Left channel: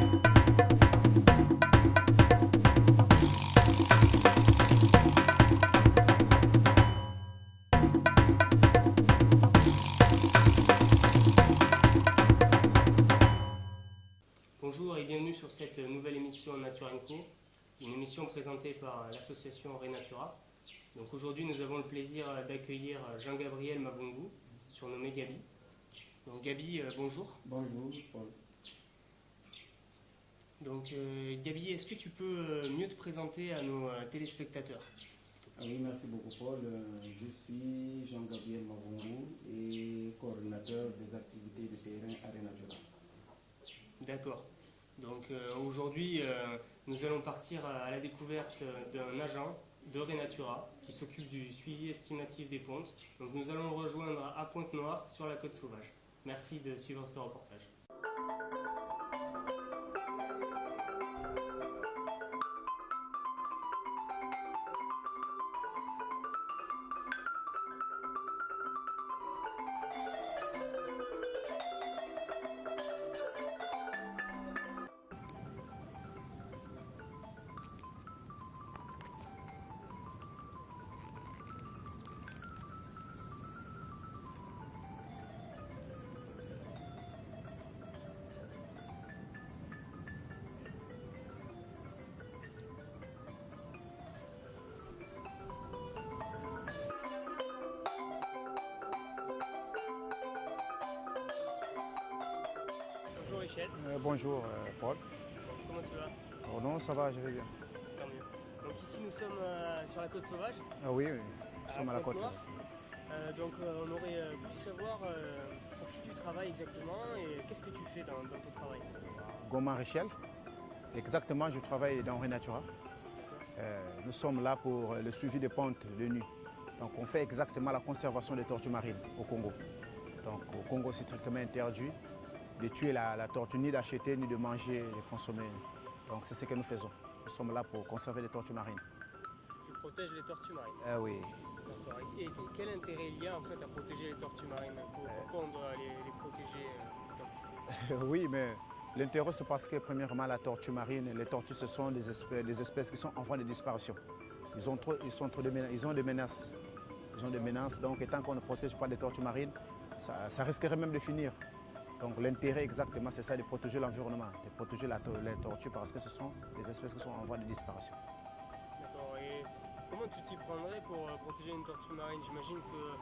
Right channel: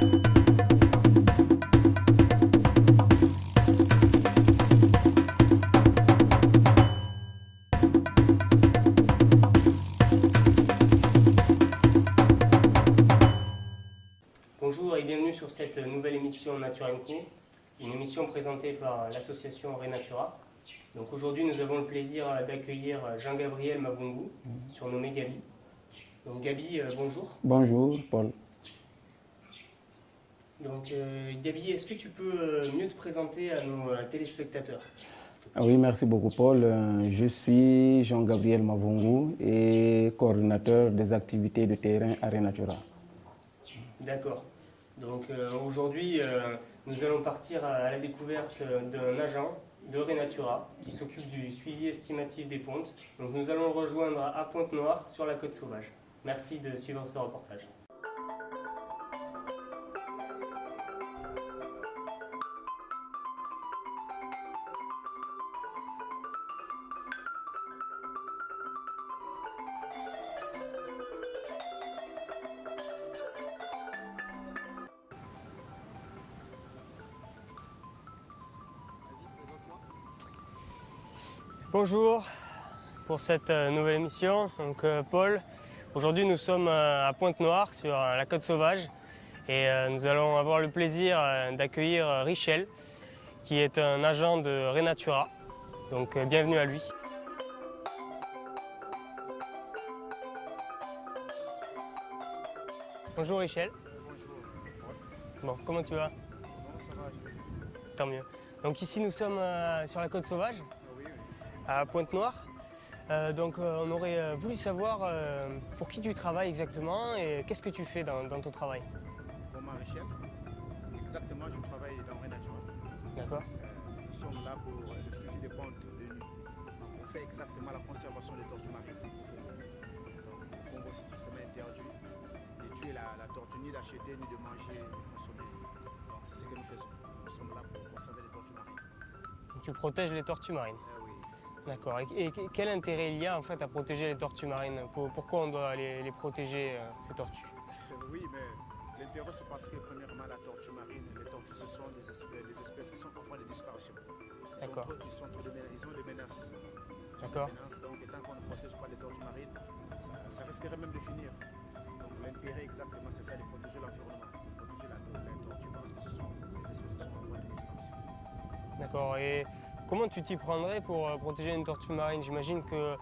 Bonjour et bienvenue sur cette nouvelle émission Nature & Co, une émission présentée par l'association Renatura. Donc aujourd'hui nous avons le plaisir d'accueillir Jean-Gabriel Mavungu, surnommé Gabi. Donc Gabi, bonjour. Bonjour Paul. Donc Gabi, est-ce que tu peux mieux te présenter à nos téléspectateurs? Oui, merci beaucoup Paul. Je suis Jean-Gabriel Mavungu et coordinateur des activités de terrain à Renatura. D'accord. Donc aujourd'hui, nous allons partir à la découverte d'un agent de Renatura qui s'occupe du suivi estimatif des pontes. Donc nous allons le rejoindre à Pointe-Noire sur la Côte Sauvage. Merci de suivre ce reportage. Bonjour pour cette nouvelle émission. Donc Paul, aujourd'hui nous sommes à Pointe-Noire sur la Côte Sauvage et nous allons avoir le plaisir d'accueillir Richel qui est un agent de Renatura. Donc bienvenue à lui. Bonjour Richel. Bonjour Paul. Bon, comment tu vas? Oh non, ça va, je vais bien. Tant mieux. Donc ici nous sommes sur la Côte Sauvage. Ah oui, à Pointe-Noire. Donc on aurait voulu savoir pour qui tu travailles exactement et qu'est-ce que tu fais dans ton travail. Goman Richel. Exactement, je travaille dans Renatura. D'accord. Nous sommes là pour le suivi des pontes de nuit. Donc on fait exactement la conservation des tortues marines au Congo. Donc au Congo, c'est strictement interdit de tuer la tortue, ni d'acheter, ni de manger, de consommer. Donc c'est ce que nous faisons. Nous sommes là pour conserver les tortues marines. Tu protèges les tortues marines? Oui. D'accord. Et quel intérêt il y a en fait à protéger les tortues marines? Pourquoi on doit les protéger, ces tortues? Oui, mais l'intérêt c'est parce que premièrement la tortue marine, les tortues ce sont des espèces qui sont en voie de disparition. Ils ont des menaces. Ils ont des menaces, donc tant qu'on ne protège pas les tortues marines, ça risquerait même de finir. Donc l'intérêt exactement c'est ça, de protéger l'environnement, de protéger les tortues parce que ce sont des espèces qui sont en voie de disparition. D'accord. Et comment tu t'y prendrais pour protéger une tortue marine? J'imagine que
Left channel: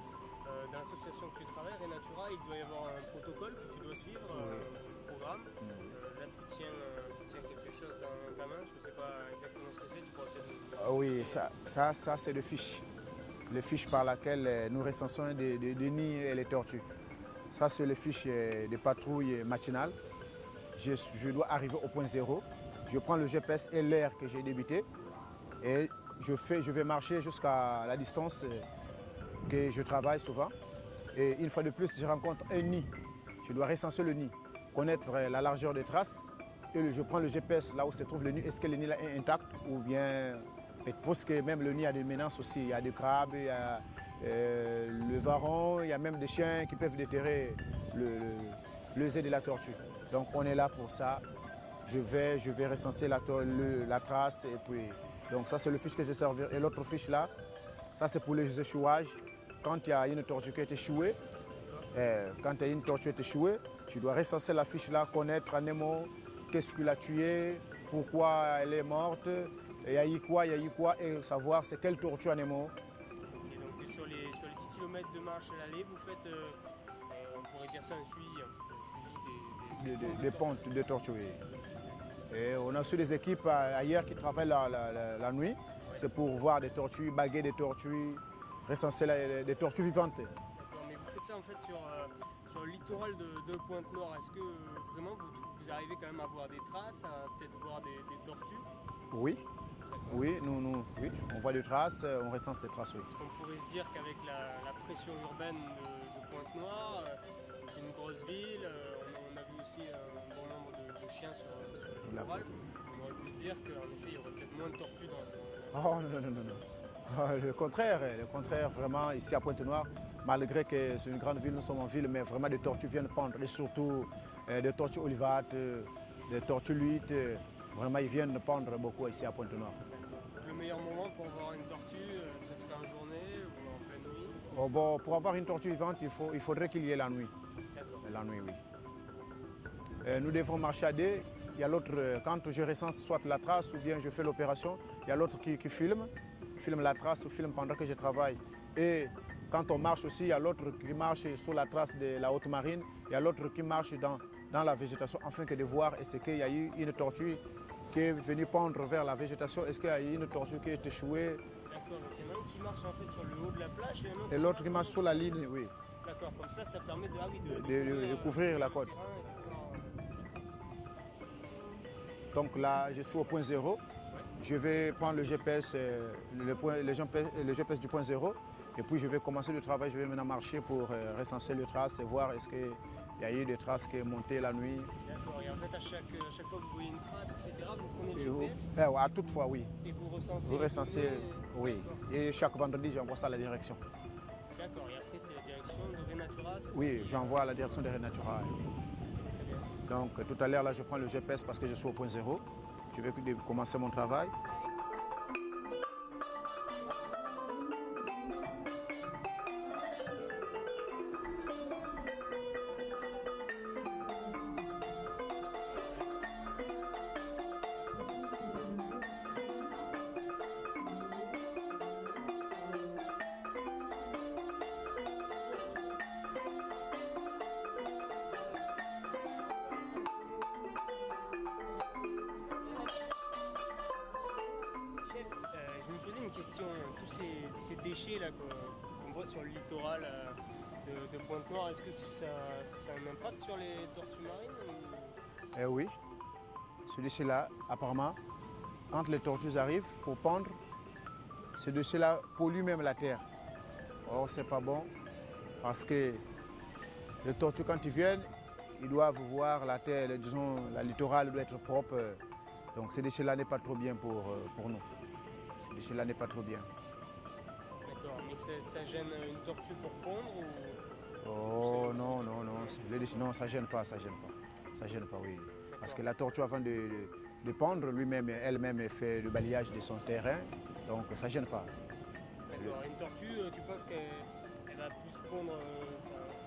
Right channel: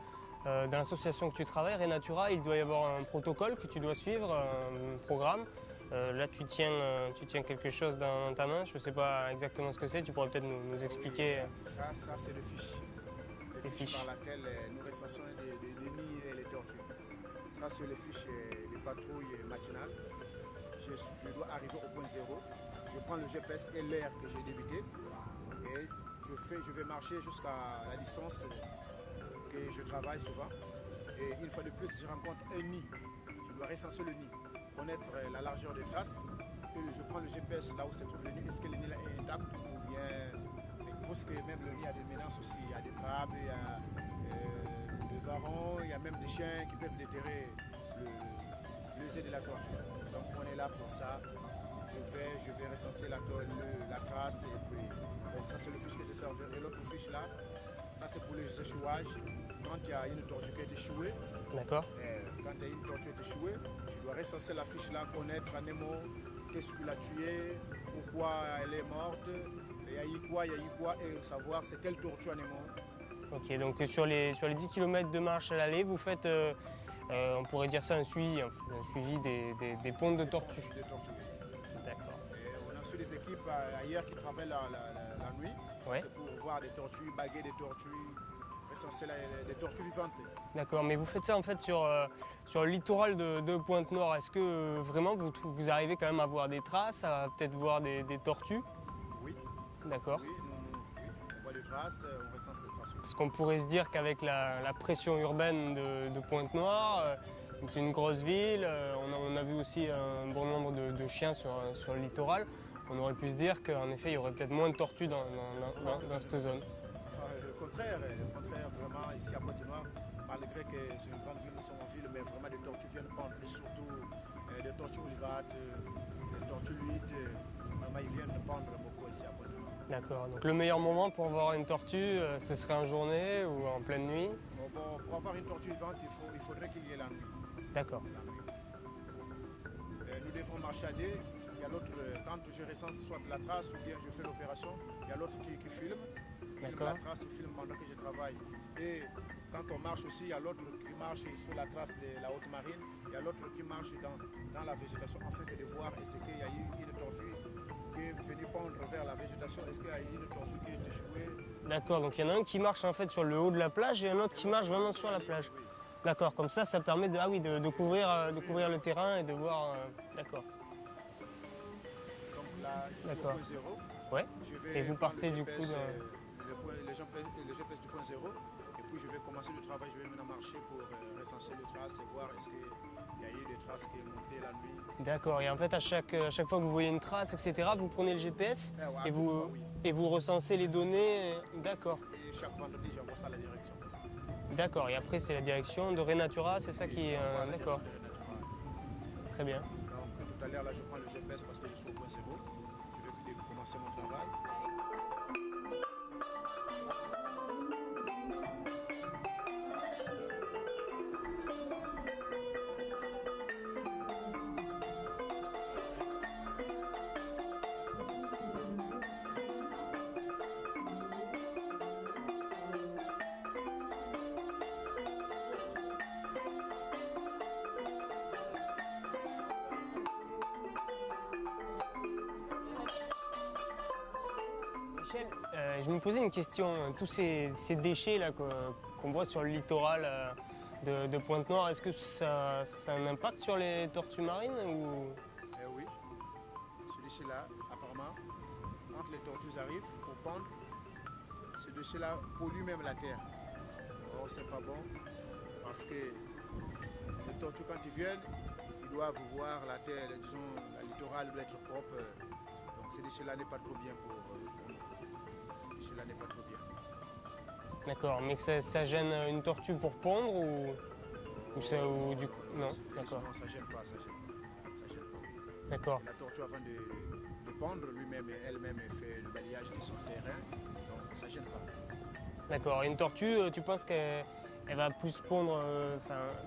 dans l'association que tu travailles, Renatura, il doit y avoir un protocole que tu dois suivre, un programme. Là, tu tiens quelque chose dans ta main, je ne sais pas exactement ce que c'est, tu pourrais peut-être nous expliquer. Oui, ça c'est le fiche. Le fiche par laquelle nous recensons les nids et les tortues. Ça, c'est le fiche de patrouille matinale. Je dois arriver au point zéro. Je prends le GPS et l'heure que j'ai débuté. Et je vais marcher jusqu'à la distance que je travaille souvent. Et une fois de plus, je rencontre un nid. Je dois recenser le nid, connaître la largeur des traces. Et je prends le GPS là où se trouve le nid. Est-ce que le nid là est intact ou bien... Parce que même le nid a des menaces aussi. Il y a des crabes, il y a le varan, il y a même des chiens qui peuvent déterrer les œufs de la tortue. Donc on est là pour ça. Je vais recenser la trace et puis... Donc ça c'est le fiche que j'ai servi. Et l'autre fiche là, ça c'est pour les échouages. Quand il y a une tortue qui a été échouée, quand il y a une tortue qui a été échouée, tu dois recenser la fiche là, connaître un mot, qu'est-ce qu'il a tué, pourquoi elle est morte, il y a eu quoi, et savoir c'est quelle tortue en est mort. Ok, donc sur les 10 km de marche à l'aller, vous faites, on pourrait dire ça, un suivi des pontes de tortues. Des pontes de tortues, oui. Et on a aussi des équipes ailleurs qui travaillent la nuit. Ouais. C'est pour voir des tortues, baguer des tortues, recenser des tortues vivantes. D'accord, mais vous faites ça en fait sur le littoral de Pointe-Noire. Est-ce que vraiment vous arrivez quand même à voir des traces, à peut-être voir des tortues? Oui. D'accord. Oui, oui, on voit des traces, on recense des traces. Oui. Est-ce qu'on pourrait se dire qu'avec la pression urbaine de Pointe-Noire, c'est une grosse ville, on a vu aussi un bon nombre de chiens sur le littoral, on aurait pu se dire qu'en effet il y aurait peut-être moins de tortues dans cette zone. Le contraire, vraiment ici à Pointe-Noire, malgré que c'est une grande ville, nous sommes en ville, mais vraiment des tortues viennent pendre, et surtout des tortues olivates, Les tortues luites, vraiment, ils viennent pondre beaucoup ici à Pointe-Noire. D'accord. Donc le meilleur moment pour voir une tortue, ce serait en journée ou en pleine nuit? Oh, bon, pour avoir une tortue vivante, il faudrait qu'il y ait la nuit. D'accord. La nuit, oui. Nous devons marcher à deux. Il y a l'autre, quand je recense soit la trace ou bien je fais l'opération, il y a l'autre qui filme la trace ou filme pendant que je travaille. Et quand on marche aussi, il y a l'autre qui marche sur la trace de la haute marine, il y a l'autre qui marche dans la végétation afin que de voir est-ce qu'il y a eu une tortue qui est venue pondre vers la végétation, est-ce qu'il y a eu une tortue qui est échouée. D'accord, donc il y en a un qui marche en fait sur le haut de la plage et un autre Et qui l'autre marche qui vraiment marche sur sur la la ligne, plage. oui. D'accord, comme ça permet de couvrir la le côte. terrain et de voir. D'accord. Donc là, je suis au D'accord. point zéro. Ouais. Je Et vais vous prendre le partez, du GPS, coup, le GPS du point zéro. Et puis je vais commencer le travail, je vais maintenant marcher pour recenser les traces et voir est-ce qu'il y a eu des traces qui sont montées la nuit. D'accord, et en fait à chaque fois que vous voyez une trace, etc., vous prenez le GPS Ouais, à et, toute vous, fois, oui. et vous recensez Vous les recensez, données. oui. D'accord. Et chaque vendredi, j'envoie ça à la direction. D'accord, et après c'est la direction de Renatura, c'est ça Oui, qui j'envoie à la d'accord. direction de Renatura. Très bien. Donc tout à l'heure, là, je prends le GPS parce que je suis au point zéro. Je vais commencer mon travail. Michel, je me posais une question, tous ces déchets là qu'on voit sur le littoral de Pointe-Noire, est-ce que ça a un impact sur les tortues marines ou... Eh oui, celui-ci-là, apparemment, quand les tortues arrivent pour pondre, ce déchet-là pollue même la terre. Or, c'est pas bon parce que les tortues, quand ils viennent, ils doivent voir la terre, disons, la littorale doit être propre. Donc, ce déchet-là n'est pas trop bien pour nous. Ce déchet-là n'est pas trop bien. D'accord, mais ça gêne une tortue pour pondre ou... Oh, c'est- non, ou non, du- non, non, le déchet, d'accord. non, ça gêne pas, ça gêne pas. Ça gêne pas, oui. Parce D'accord, que la tortue, avant de pondre, elle-même fait le balayage de son terrain, donc ça gêne pas. d'accord. Et une tortue, tu penses qu'elle va plus pondre,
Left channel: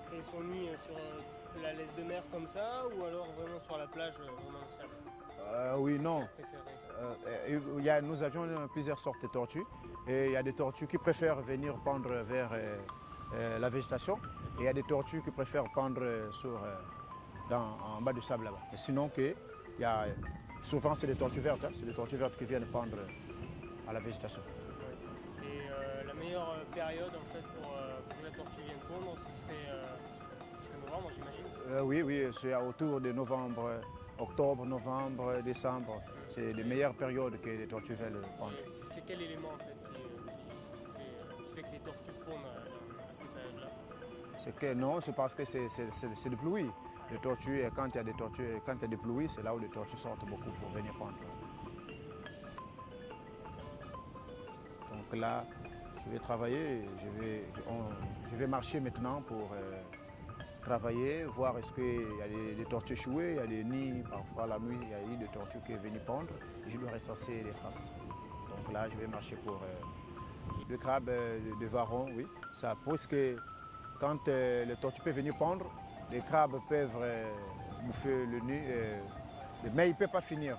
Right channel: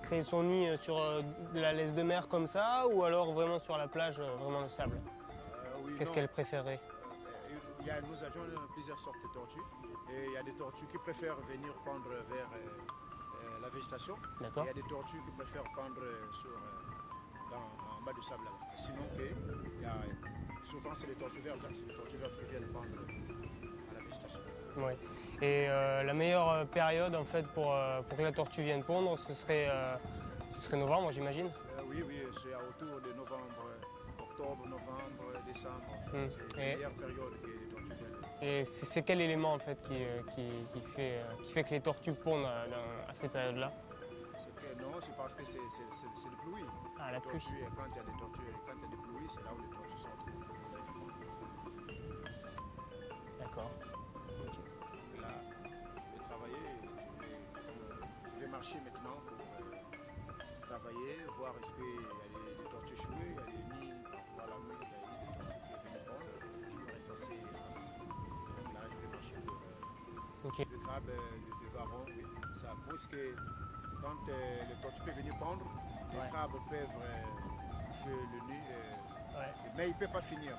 créer son nid sur de la laisse de mer comme ça ou alors vraiment sur la plage, vraiment le sable? Oui, Qu'est-ce non. qu'elle préférerait? Nous avions plusieurs sortes de tortues. Et il y a des tortues qui préfèrent venir pondre vers la végétation. Et D'accord. il y a des tortues qui préfèrent pondre en bas du sable là-bas. Et sinon, souvent c'est des tortues vertes. C'est des tortues vertes qui viennent pondre à la végétation. Ouais. Et la meilleure période en fait pour que la tortue vienne pondre, ce serait novembre, j'imagine. Oui, c'est autour de novembre, octobre, novembre, décembre. C'est les Et- meilleures périodes que les tortues veulent pondre. Et c'est quel élément en fait qui fait que les tortues pondent à ces périodes-là? C'est que non, c'est parce que c'est le pluie. Ah, Les la pluie. tortues, quand il y a des tortues, quand il y a des pluies, c'est là où les tortues sortent beaucoup pour venir pondre. D'accord. Donc là, je vais travailler, je vais marcher maintenant pour travailler, voir est-ce qu'il y a des tortues échouées, il y a des nids, parfois la nuit, il y a eu des tortues qui sont venues pondre, et je dois recenser les traces. Donc là, je vais marcher pour Ok. le crabe de Varon, oui. Ça prouve que quand les tortues peuvent venir pondre, les crabes peuvent bouffer le nid, mais ils ne peuvent pas finir.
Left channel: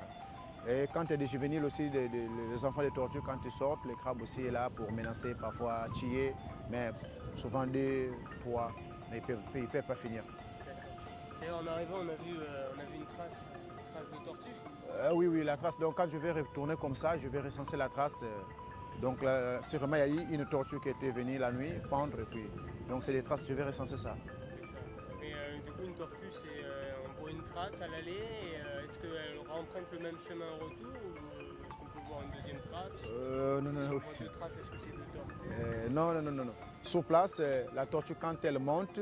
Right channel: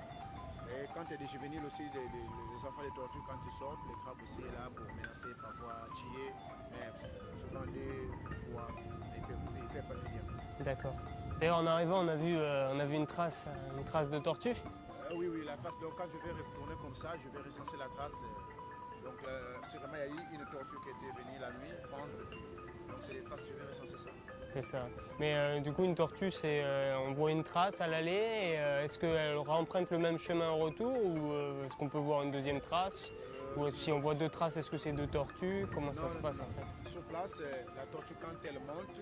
Et quand il y a des juvéniles aussi, les enfants des tortues, quand ils sortent, les crabes aussi sont là pour menacer, parfois tuer, mais souvent des poids, mais ils ne peuvent pas finir. D'accord. D'ailleurs, en arrivant, on a vu une trace de tortue. Oui, la trace. Donc quand je vais retourner comme ça, je vais recenser la trace. Donc là, sûrement, il y a eu une tortue qui était venue la nuit pendre. Et puis, donc c'est des traces, je vais recenser ça. C'est ça. Mais du coup, une tortue, on voit une trace à l'aller. Et, est-ce qu'elle emprunte le même chemin au retour ou est-ce qu'on peut voir une deuxième trace? Ou si on voit deux traces, est-ce que c'est deux tortues? Comment ça se Non. passe, en fait? Sur place, la tortue, quand elle monte,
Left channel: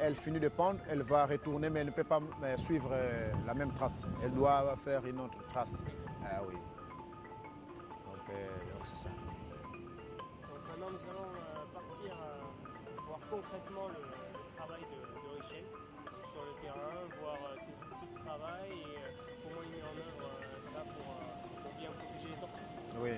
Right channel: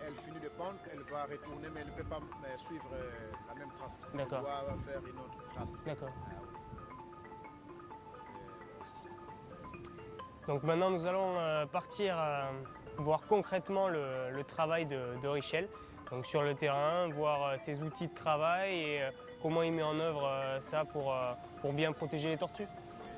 elle finit de pondre, elle va retourner, mais elle ne peut pas suivre la même trace. Elle D'accord. doit faire une autre trace. D'accord. Ah oui. Donc c'est ça. Donc maintenant, nous allons partir voir concrètement le travail de Richel. Donc sur le terrain, voir ses outils de travail et comment il met en œuvre ça pour bien protéger les tortues. Oui.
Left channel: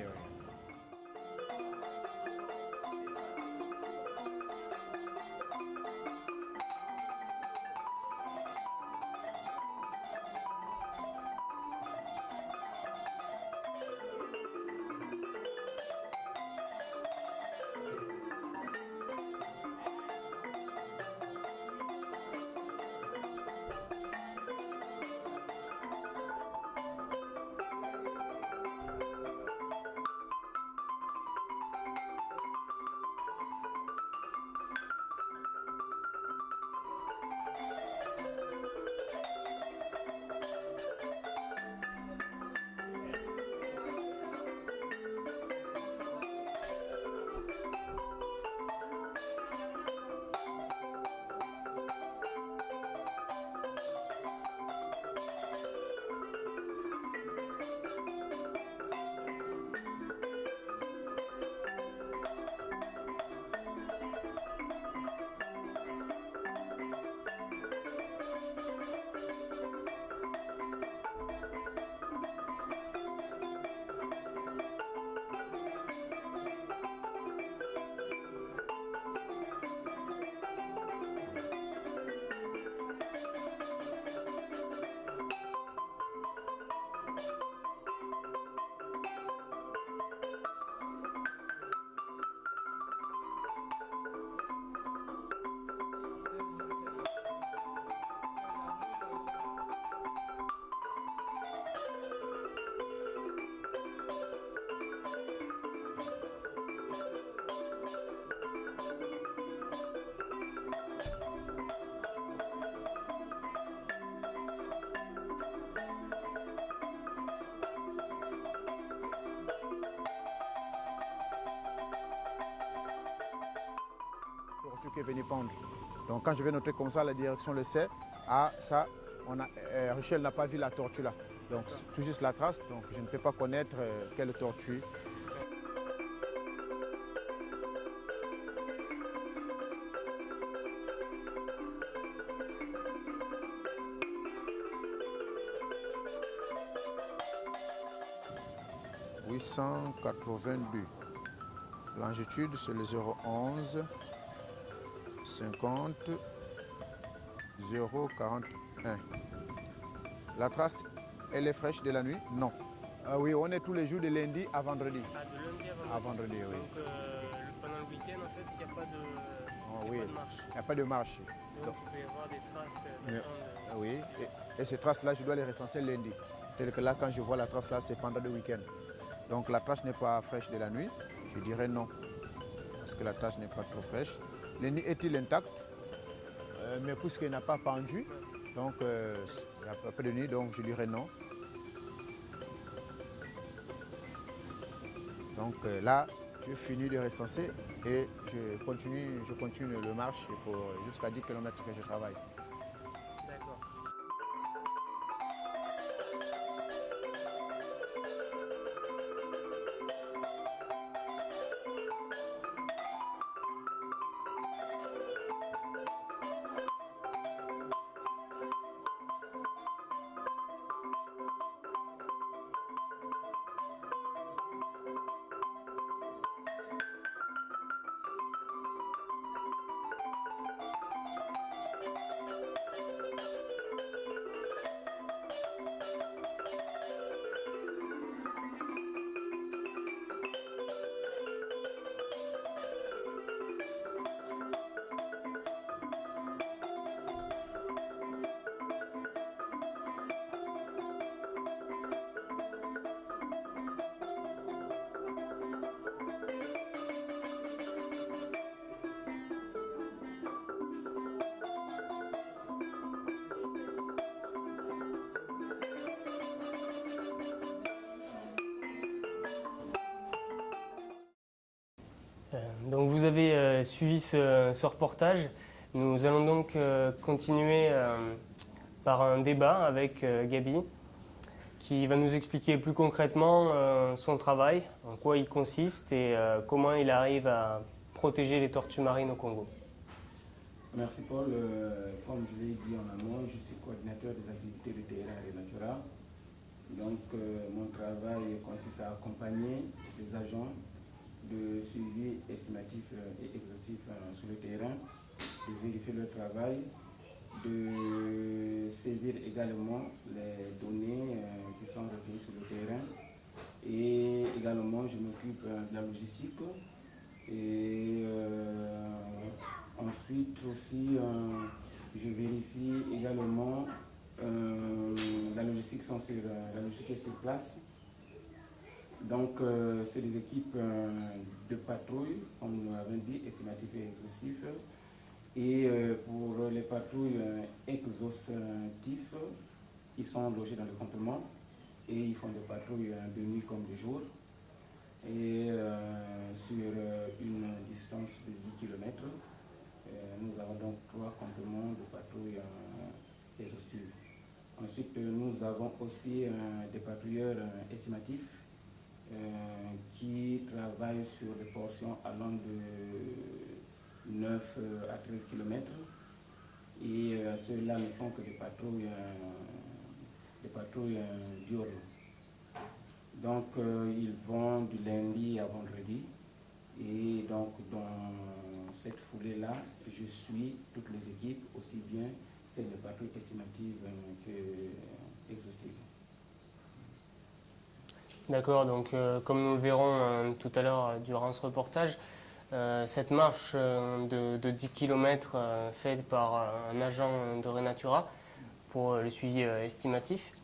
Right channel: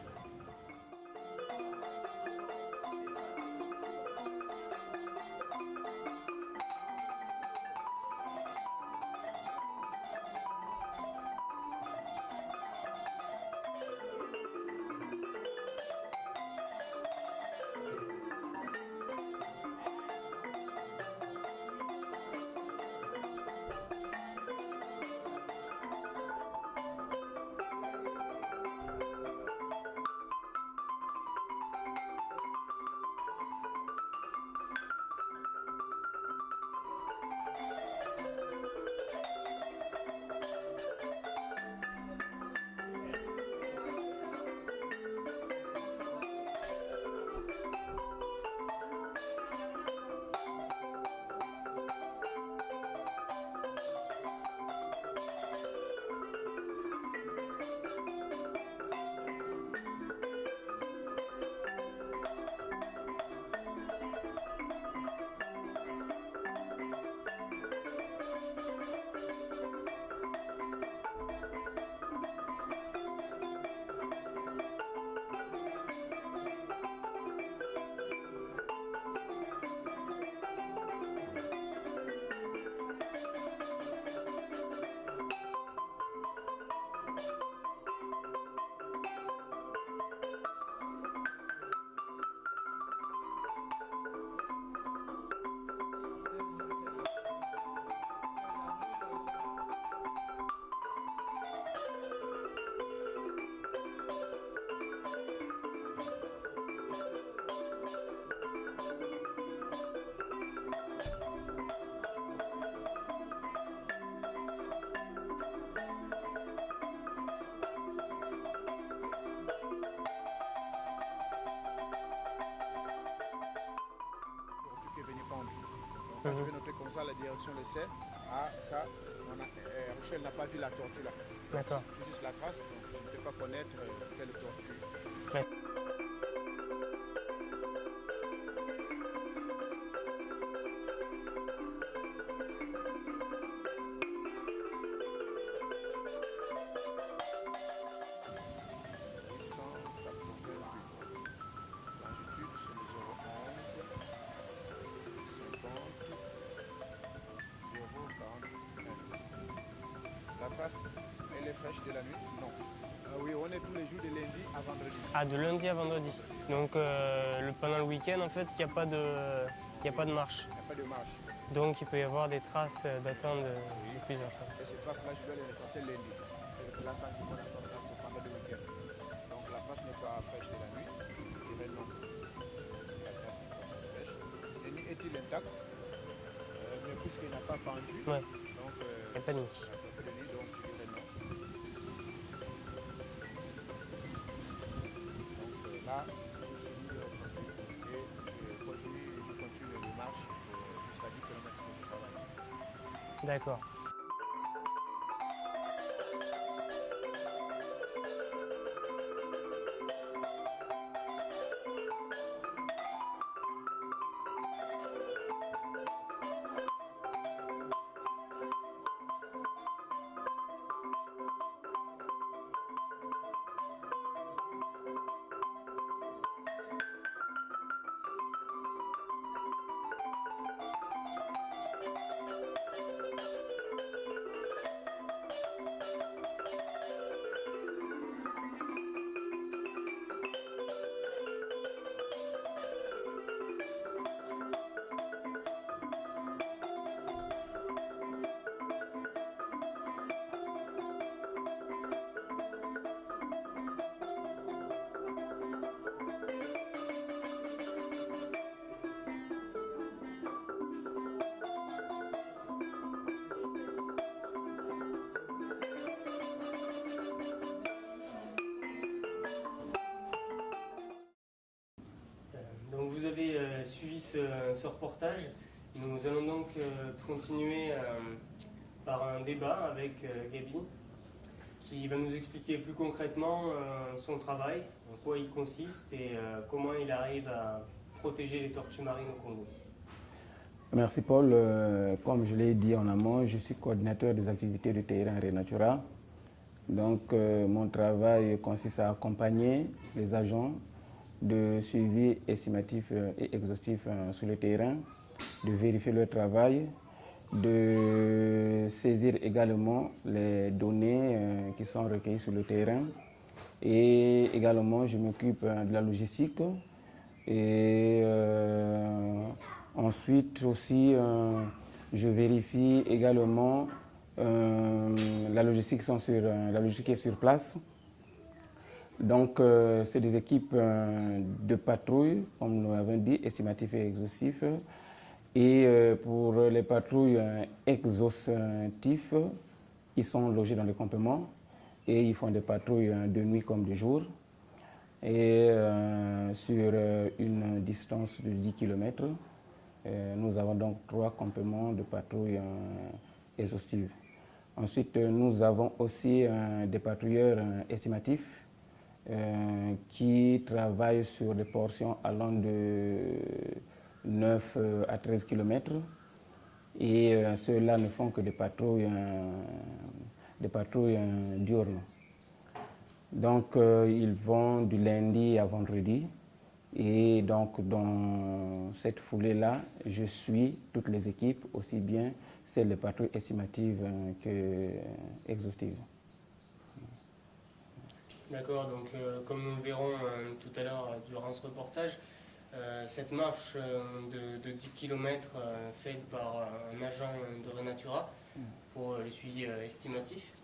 Venir pendre. Donc quand je vais noter comme ça, la direction le sait. Ah, ça, Richel n'a pas vu la tortue là. Donc tout juste la trace, donc je ne peux pas connaître quelle tortue. Ouais. « 880 buts. Longitude, c'est le 011. 50 041. La trace, elle est fraîche de la nuit? Non. Ah oui, on est tous les jours de lundi à vendredi. Ah, de lundi à vendredi. Ouais. Donc pendant le week-end, en fait, il n'y a pas de, pas de marche. Il n'y a pas de marche. Donc il peut y avoir des traces datant de plusieurs jours. Et ces traces-là, je dois les recenser lundi. C'est que là, quand je vois la trace là, c'est pendant le week-end. Donc la trace n'est pas fraîche de la nuit, je dirais non. Parce que la trace n'est pas trop fraîche. Le nid est-il intact? Mais puisqu'il n'a pas pendu, Ouais. donc il n'y a pas de nid, donc je dirais non. Donc là, je finis de recenser et je continue le marche jusqu'à 10 km que je travaille. D'accord. Donc vous avez suivi ce reportage. Nous allons donc continuer par un débat avec Gaby qui va nous expliquer plus concrètement son travail, en quoi il consiste et comment il arrive à protéger les tortues marines au Congo. Merci Paul. Comme je l'ai dit en amont, je suis coordinateur des activités de terrain Renatura. Donc mon travail consiste à accompagner les agents de suivi estimatif et exhaustif sur le terrain, de vérifier leur travail, de saisir également les données qui sont recueillies sur le terrain. Et également, je m'occupe de la logistique. Et ensuite aussi, je vérifie également la logistique est sur place. Donc, c'est des équipes de patrouille, comme nous l'avons dit, estimatifs et exhaustifs. Et pour les patrouilles exhaustifs, ils sont logés dans les campements et ils font des patrouilles de nuit comme de jour. Et sur une distance de 10 km, nous avons donc 3 campements de patrouilles exhaustives. Ensuite, nous avons aussi des patrouilleurs estimatifs qui travaillent sur des portions allant de 9 à 13 km. Et ceux-là ne font que des patrouilles diurnes. Donc, ils vont du lundi à vendredi. Et donc, dans cette foulée-là, je suis toutes les équipes, aussi bien celles de patrouilles estimatives que exhaustives. D'accord, donc comme nous le verrons tout à l'heure durant ce reportage, cette marche de 10 km faite par un agent de Renatura pour le suivi estimatif,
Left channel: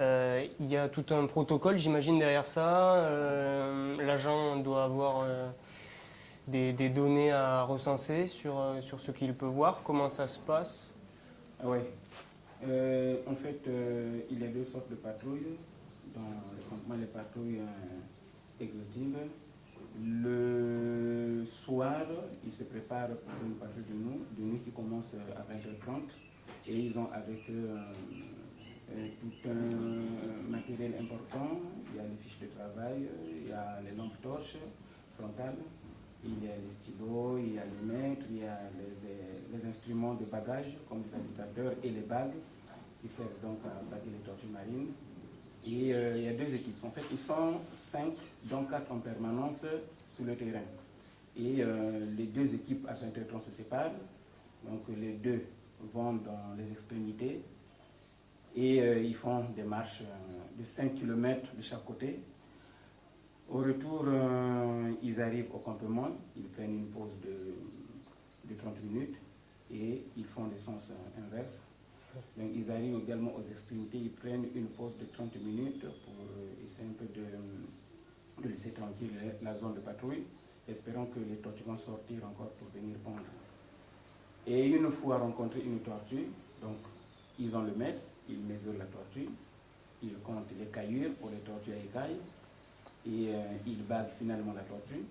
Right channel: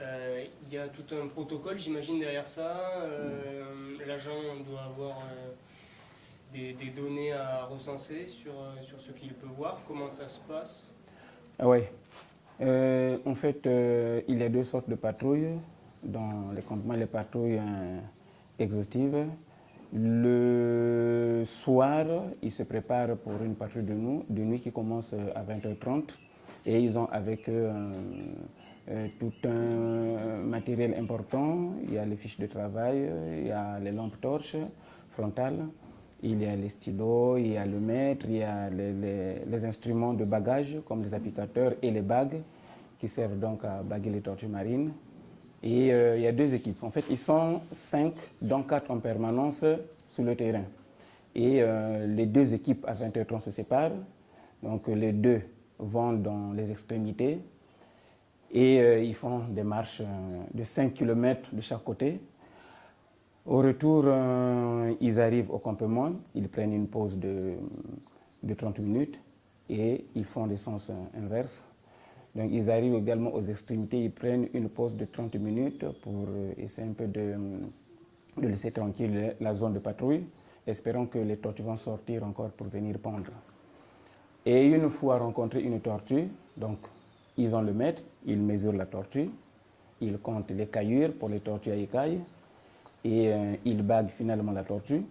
il y a tout un protocole, j'imagine, derrière ça. L'agent doit avoir des données à recenser sur ce qu'il peut voir. Comment ça se passe? Oui. En fait, il y a 2 sortes de patrouilles dans les campements, les patrouilles exhaustives. Le soir, ils se préparent pour une patrouille de nuit qui commence à 20h30 et ils ont avec eux tout un matériel important. Il y a les fiches de travail, il y a les lampes torches frontales, il y a les stylos, il y a le mètre, il y a les instruments de bagage comme les applicateurs et les bagues qui servent donc à baguer les tortues marines. Et il y a 2 équipes. En fait, ils sont 5, dont 4 en permanence sur le terrain. Et les 2 équipes à 20h30 se séparent. Donc les 2 vont dans les extrémités et ils font des marches de 5 km de chaque côté. Au retour, ils arrivent au campement, ils prennent une pause de 30 minutes et ils font des sens inverses. Donc ils arrivent également aux extrémités, ils prennent une pause de 30 minutes pour essayer un peu de laisser tranquille la zone de patrouille, espérant que les tortues vont sortir encore pour venir pondre. Et une fois rencontré une tortue, donc ils ont le mètre, ils mesurent la tortue, ils comptent les caillures pour les tortues à écailles et ils baguent finalement la tortue.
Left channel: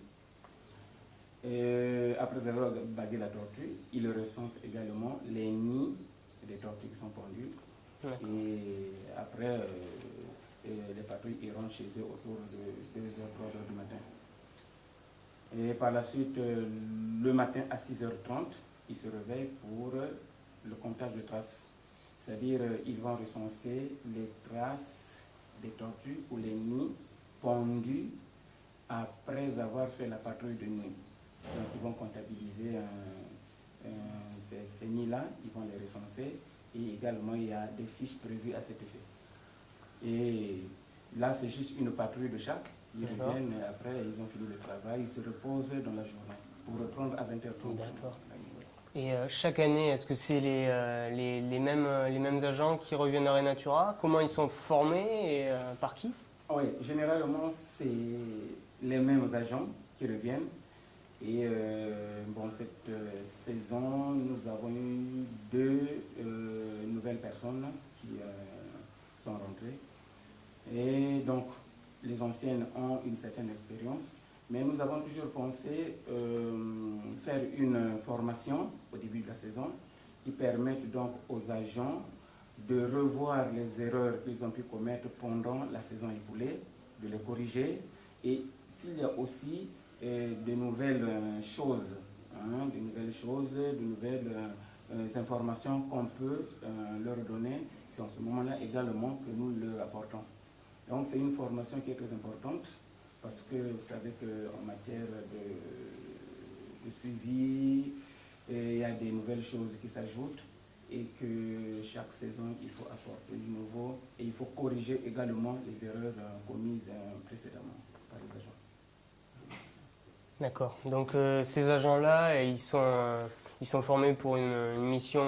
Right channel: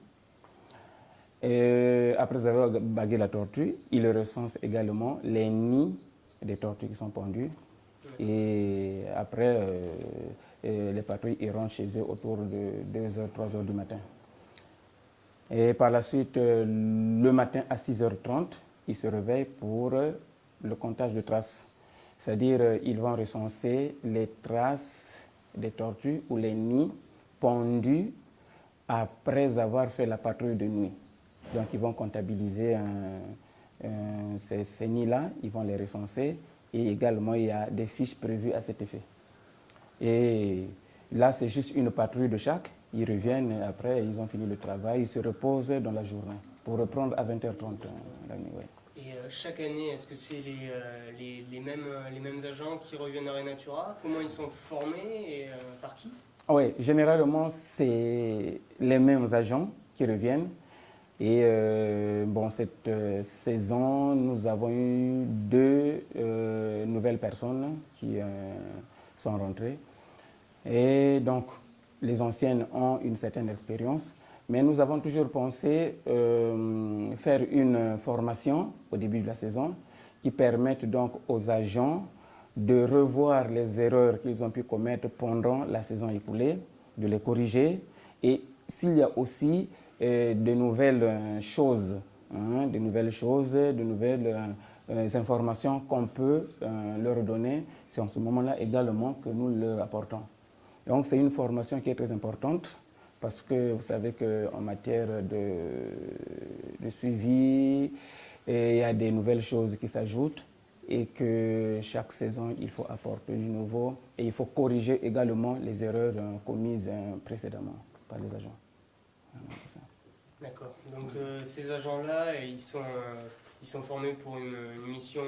Et après avoir bagué la tortue, ils recensent également les nids des tortues qui sont pendues. Et après, les patrouilles ils rentrent chez eux autour de 2h, 3h du matin. Et par la suite, le matin à 6h30, ils se réveillent pour le comptage de traces. C'est-à-dire, ils vont recenser les traces des tortues ou les nids pondus après avoir fait la patrouille de nuit. Donc, ils vont comptabiliser ces nids-là, ils vont les recenser et également, il y a des fiches prévues à cet effet. Et là, c'est juste une patrouille de chaque. Ils reviennent après, ils ont fini le travail, ils se reposent dans la journée pour reprendre à 20h30. Et chaque année, est-ce que c'est les mêmes agents qui reviennent à Renatura? Comment ils sont formés et par qui? Oui, généralement, c'est les mêmes agents qui reviennent. Et bon, cette saison, nous avons eu 2 nouvelles personnes qui sont rentrées. Et donc, les anciennes ont une certaine expérience. Mais nous avons toujours pensé faire une formation au début de la saison qui permette donc aux agents de revoir les erreurs qu'ils ont pu commettre pendant la saison écoulée, de les corriger. Et s'il y a aussi de nouvelles choses hein, de nouvelles choses, de nouvelles informations qu'on peut leur donner. C'est en ce moment-là également que nous leur apportons. Donc c'est une formation qui est très importante parce que vous savez qu'en matière de suivi, il y a des nouvelles choses qui s'ajoutent et que chaque saison, il faut apporter du nouveau et il faut corriger également les erreurs commises précédemment par les agents. D'accord. Donc ces agents-là, ils sont formés pour une mission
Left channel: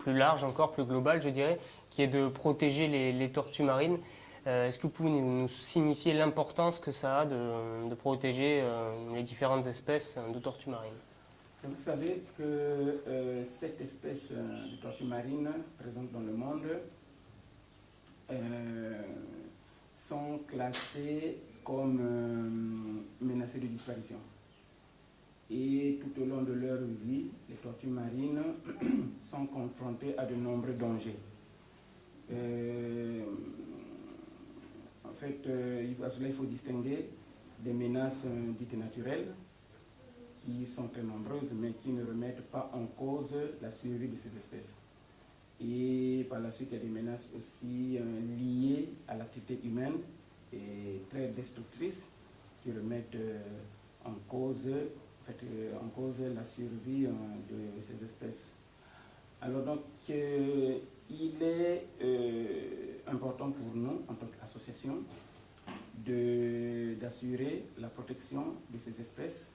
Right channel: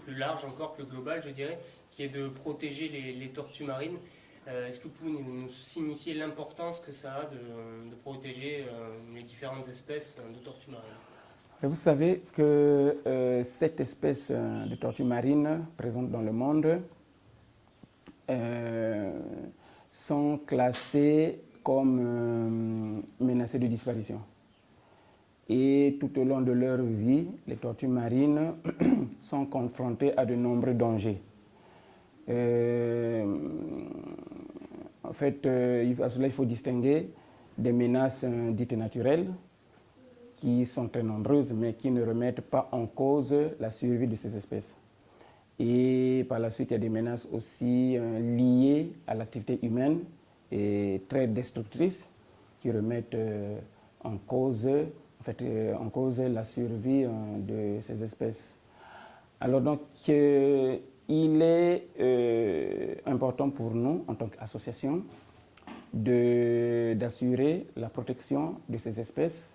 plus large, encore plus globale, je dirais, qui est de protéger les tortues marines. Est-ce que vous pouvez nous signifier l'importance que ça a de protéger les différentes espèces de tortues marines? Vous savez que cette espèce de tortue marine présente dans le monde sont classées comme menacées de disparition. Et tout au long de leur vie, les tortues marines sont confrontées à de nombreux dangers. En fait, à cela, il faut distinguer des menaces dites naturelles, qui sont très nombreuses, mais qui ne remettent pas en cause la survie de ces espèces. Et par la suite, il y a des menaces aussi liées à l'activité humaine et très destructrices, qui remettent en cause la survie de ces espèces. Alors donc, il est important pour nous, en tant qu'association, d'assurer la protection de ces espèces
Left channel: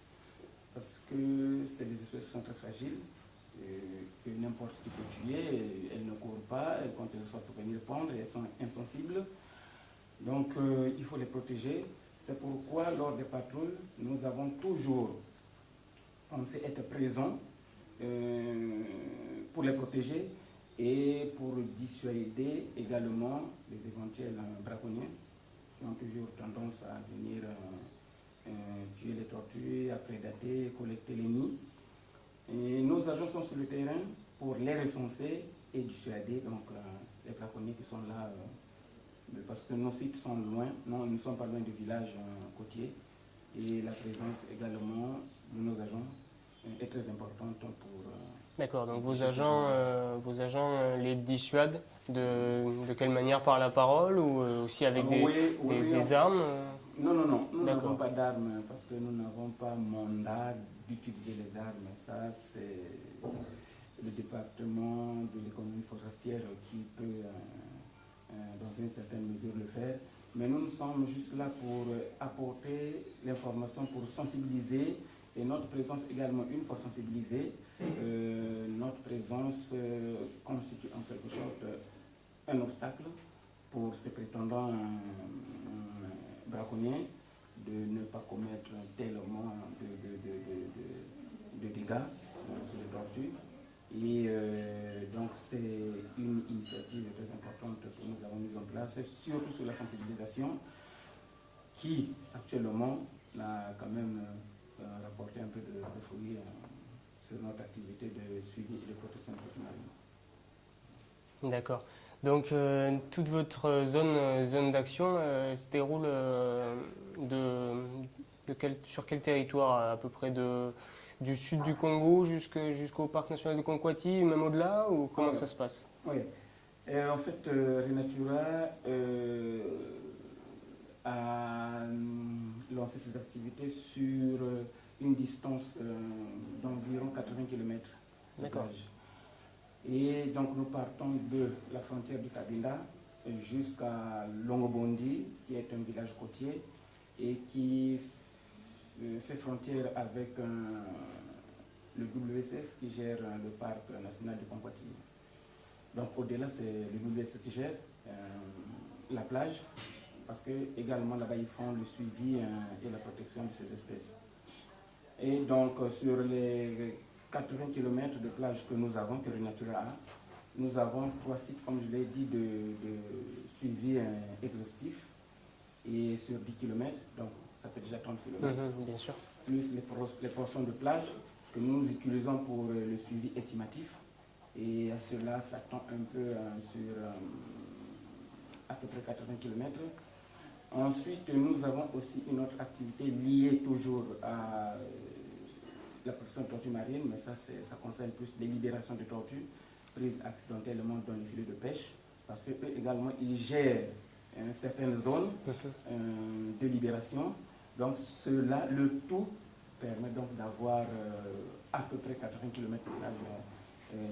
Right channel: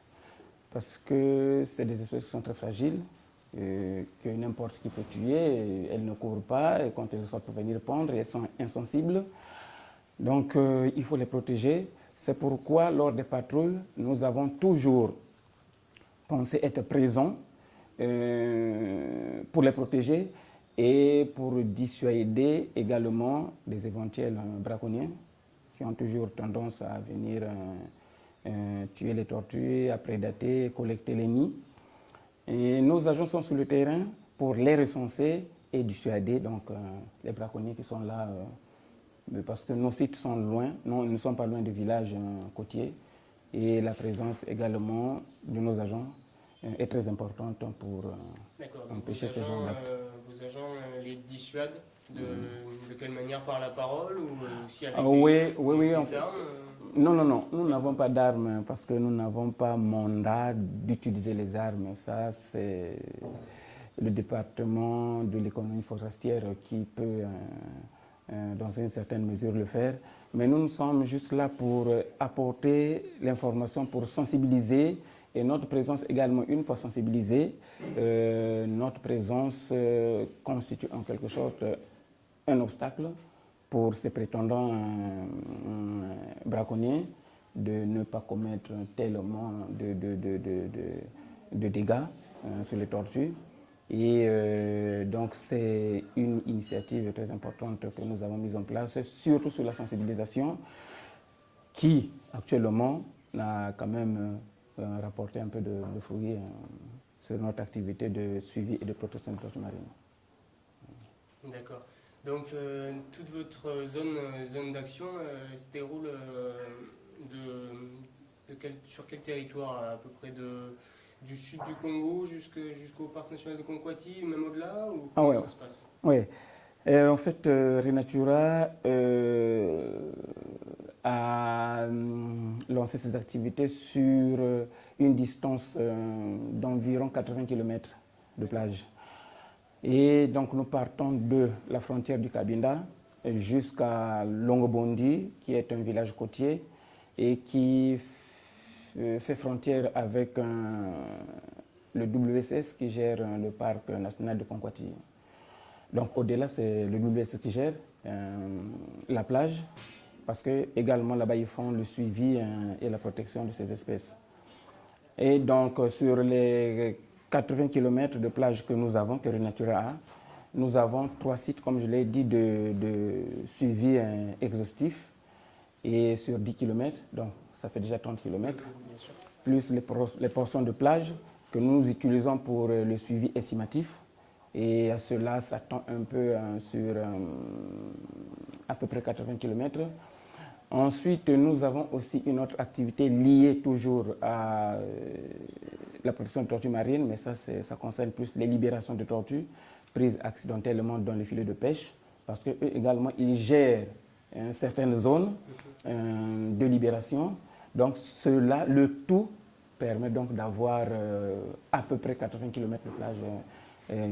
parce que c'est des espèces qui sont très fragiles, que n'importe qui peut tuer, elles ne courent pas, et quand elles sortent pour venir pondre, elles sont insensibles. Donc il faut les protéger. C'est pourquoi lors des patrouilles, nous avons toujours pensé être présents pour les protéger et pour dissuader également des éventuels braconniers qui ont toujours tendance à venir tuer les tortues, à prédater, collecter les nids. Et nos agents sont sur le terrain pour les recenser et dissuader donc, les braconniers qui sont là, parce que nos sites sont loin, nous ne sommes pas loin des villages côtiers, et la présence également de nos agents est très importante pour... D'accord, donc vos agents les dissuadent de quelle manière? Par la parole ou aussi avec des armes? Non, nous n'avons pas d'armes parce que nous n'avons pas mandat d'utiliser les armes. Ça, c'est le département de l'économie forestière qui peut, dans une certaine mesure, le faire. Mais nous sommes juste là pour apporter l'information, pour sensibiliser. Et notre présence également, une fois sensibilisée, notre présence constitue en quelque sorte un obstacle pour ces prétendants braconniers de ne pas commettre tellement de dégâts sur les tortues. Et donc c'est une initiative très importante que nous avons mise en place, surtout sur la sensibilisation, qui actuellement a quand même rapporté un peu de fruits sur notre activité de suivi et de protection des tortues marines. D'accord. Donc toute votre zone d'action se déroule sur quel territoire à peu près du sud du Congo jusqu'au parc national de Conquati, même au-delà, ou comment ça se passe? Oui, en fait Renatura a lancé ses activités sur une distance d'environ 80 km de plage. Et donc nous partons de la frontière du Cabinda jusqu'à Longobondi, qui est un village côtier et qui fait frontière avec le WSS qui gère le parc national de Conquati. Donc au-delà, c'est le WSS qui gère la plage, parce que également là-bas ils font le suivi et la protection de ces espèces. Et donc sur les 80 km de plage que nous avons, que Renatura a, nous avons 3 sites, comme je l'ai dit, de suivi exhaustif, et sur 10 km, donc ça fait déjà 30 km, bien sûr. Plus les portions de plage que nous utilisons pour le suivi estimatif. Et à cela, ça tend un peu sur à peu près 80 km. Ensuite, nous avons aussi une autre activité liée toujours à la protection de tortues marines, mais ça concerne plus les libérations de tortues prises accidentellement dans les filets de pêche, parce qu'eux également, ils gèrent certaines zones de libération. Donc cela, le tout permet donc d'avoir à peu près 80 km de plage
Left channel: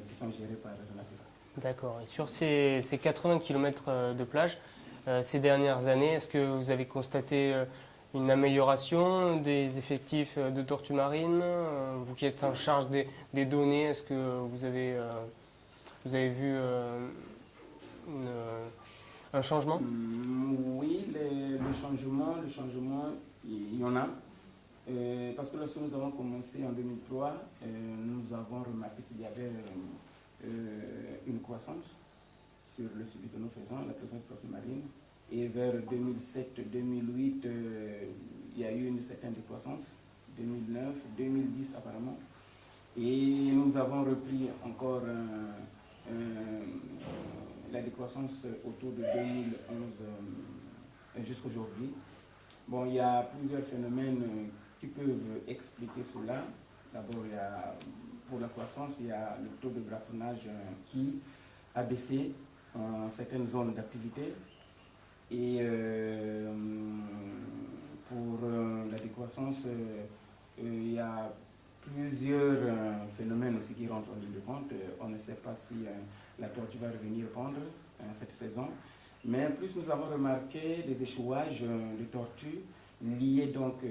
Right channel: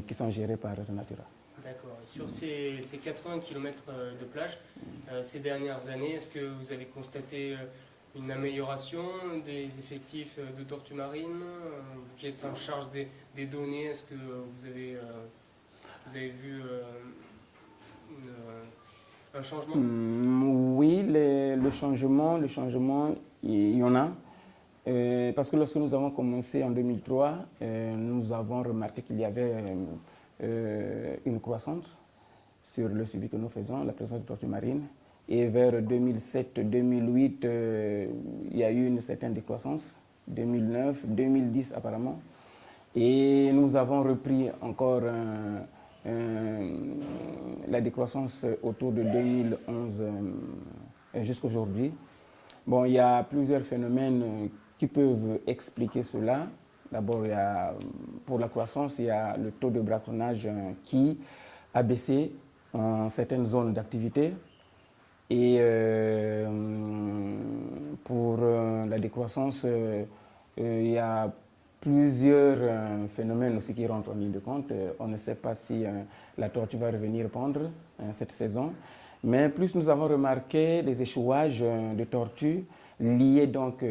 qui sont gérés par Natura. D'accord. Et sur ces 80 km de plage, ces dernières années, est-ce que vous avez constaté une amélioration des effectifs de tortues marines? Vous qui êtes en charge des données, est-ce que vous avez vu un changement? Oui, le changement, il y en a. Parce que lorsque nous avons commencé en 2003, nous avons remarqué qu'il y avait une croissance sur le suivi que nous faisons, la présence de tortues marines. Et vers 2007-2008, il y a eu une certaine décroissance, 2009, 2010 apparemment. Et nous avons repris encore la décroissance autour de 2011 jusqu'à aujourd'hui. Bon, il y a plusieurs phénomènes qui peuvent expliquer cela. D'abord, pour la croissance, il y a le taux de braconnage qui a baissé en certaines zones d'activité. Et pour la décroissance, il y a plusieurs phénomènes aussi qui rentrent en ligne de compte. On ne sait pas si la tortue va revenir pondre cette saison. Mais plus nous avons remarqué des échouages de tortues liés donc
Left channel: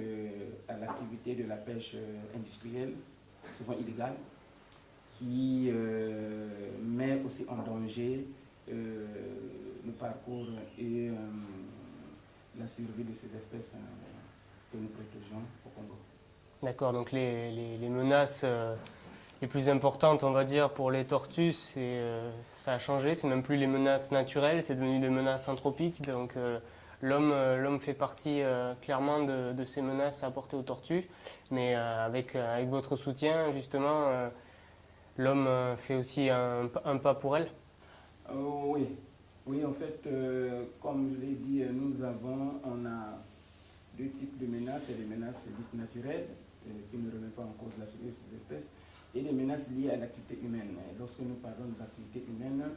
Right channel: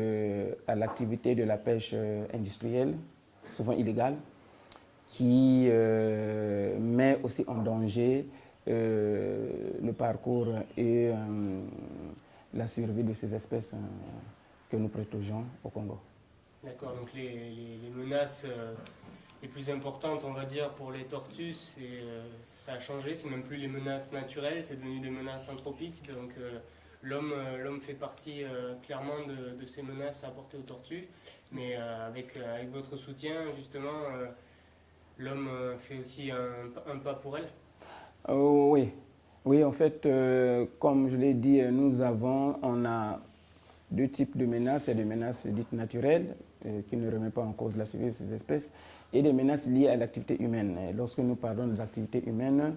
à l'activité de la pêche industrielle, souvent illégale, qui met aussi en danger le parcours et la survie de ces espèces que nous protégeons au Congo. D'accord, donc les menaces les plus importantes, on va dire, pour les tortues, ça a changé, c'est même plus les menaces naturelles, c'est devenu des menaces anthropiques. Donc l'homme fait partie clairement de ces menaces apportées aux tortues, mais avec votre soutien, justement, l'homme fait aussi un pas pour elles. Oui. Oui, en fait, comme je l'ai dit, on a deux types de menaces. Il y a des menaces dites naturelles, qui ne remettent pas en cause la survie de ces espèces, et des menaces liées à l'activité humaine. Et lorsque nous parlons de l'activité humaine,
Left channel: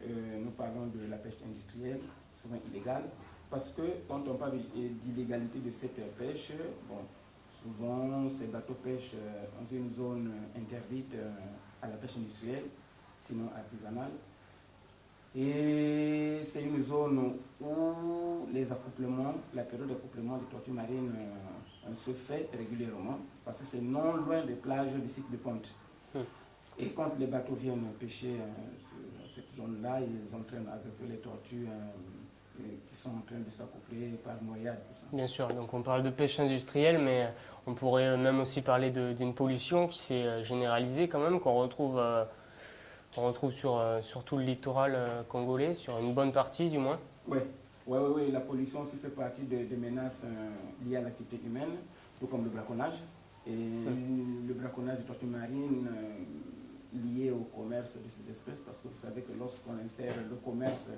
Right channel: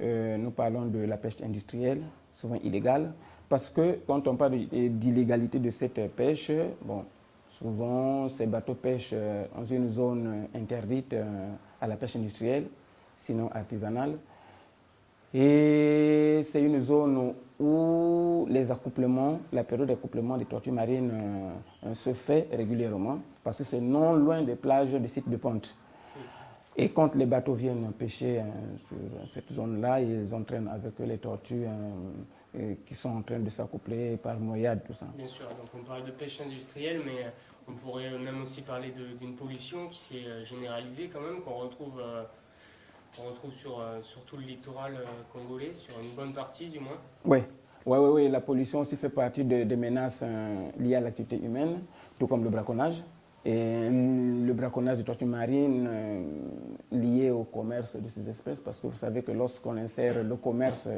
nous parlons de la pêche industrielle, souvent illégale, parce que quand on parle d'illégalité de cette pêche, bon, souvent ces bateaux pêchent dans une zone interdite à la pêche industrielle, sinon artisanale. Et c'est une zone où la période d'accouplement des tortues marines se fait régulièrement parce que c'est non loin des plages des sites de ponte. Et quand les bateaux viennent pêcher sur cette zone-là, ils entraînent avec eux les tortues qui sont en train de s'accoupler par noyade, tout ça. Bien sûr, donc on parle de pêche industrielle, mais on pourrait même aussi parler d'une pollution qui s'est généralisée quand même, qu'on retrouve sur tout le littoral congolais, sur une bonne partie du moins. Oui, la pollution aussi fait partie des menaces liées à l'activité humaine, tout comme le braconnage. Et le braconnage de tortues marines lié au commerce de ces espèces, parce que vous savez que lorsqu'on insère le commerce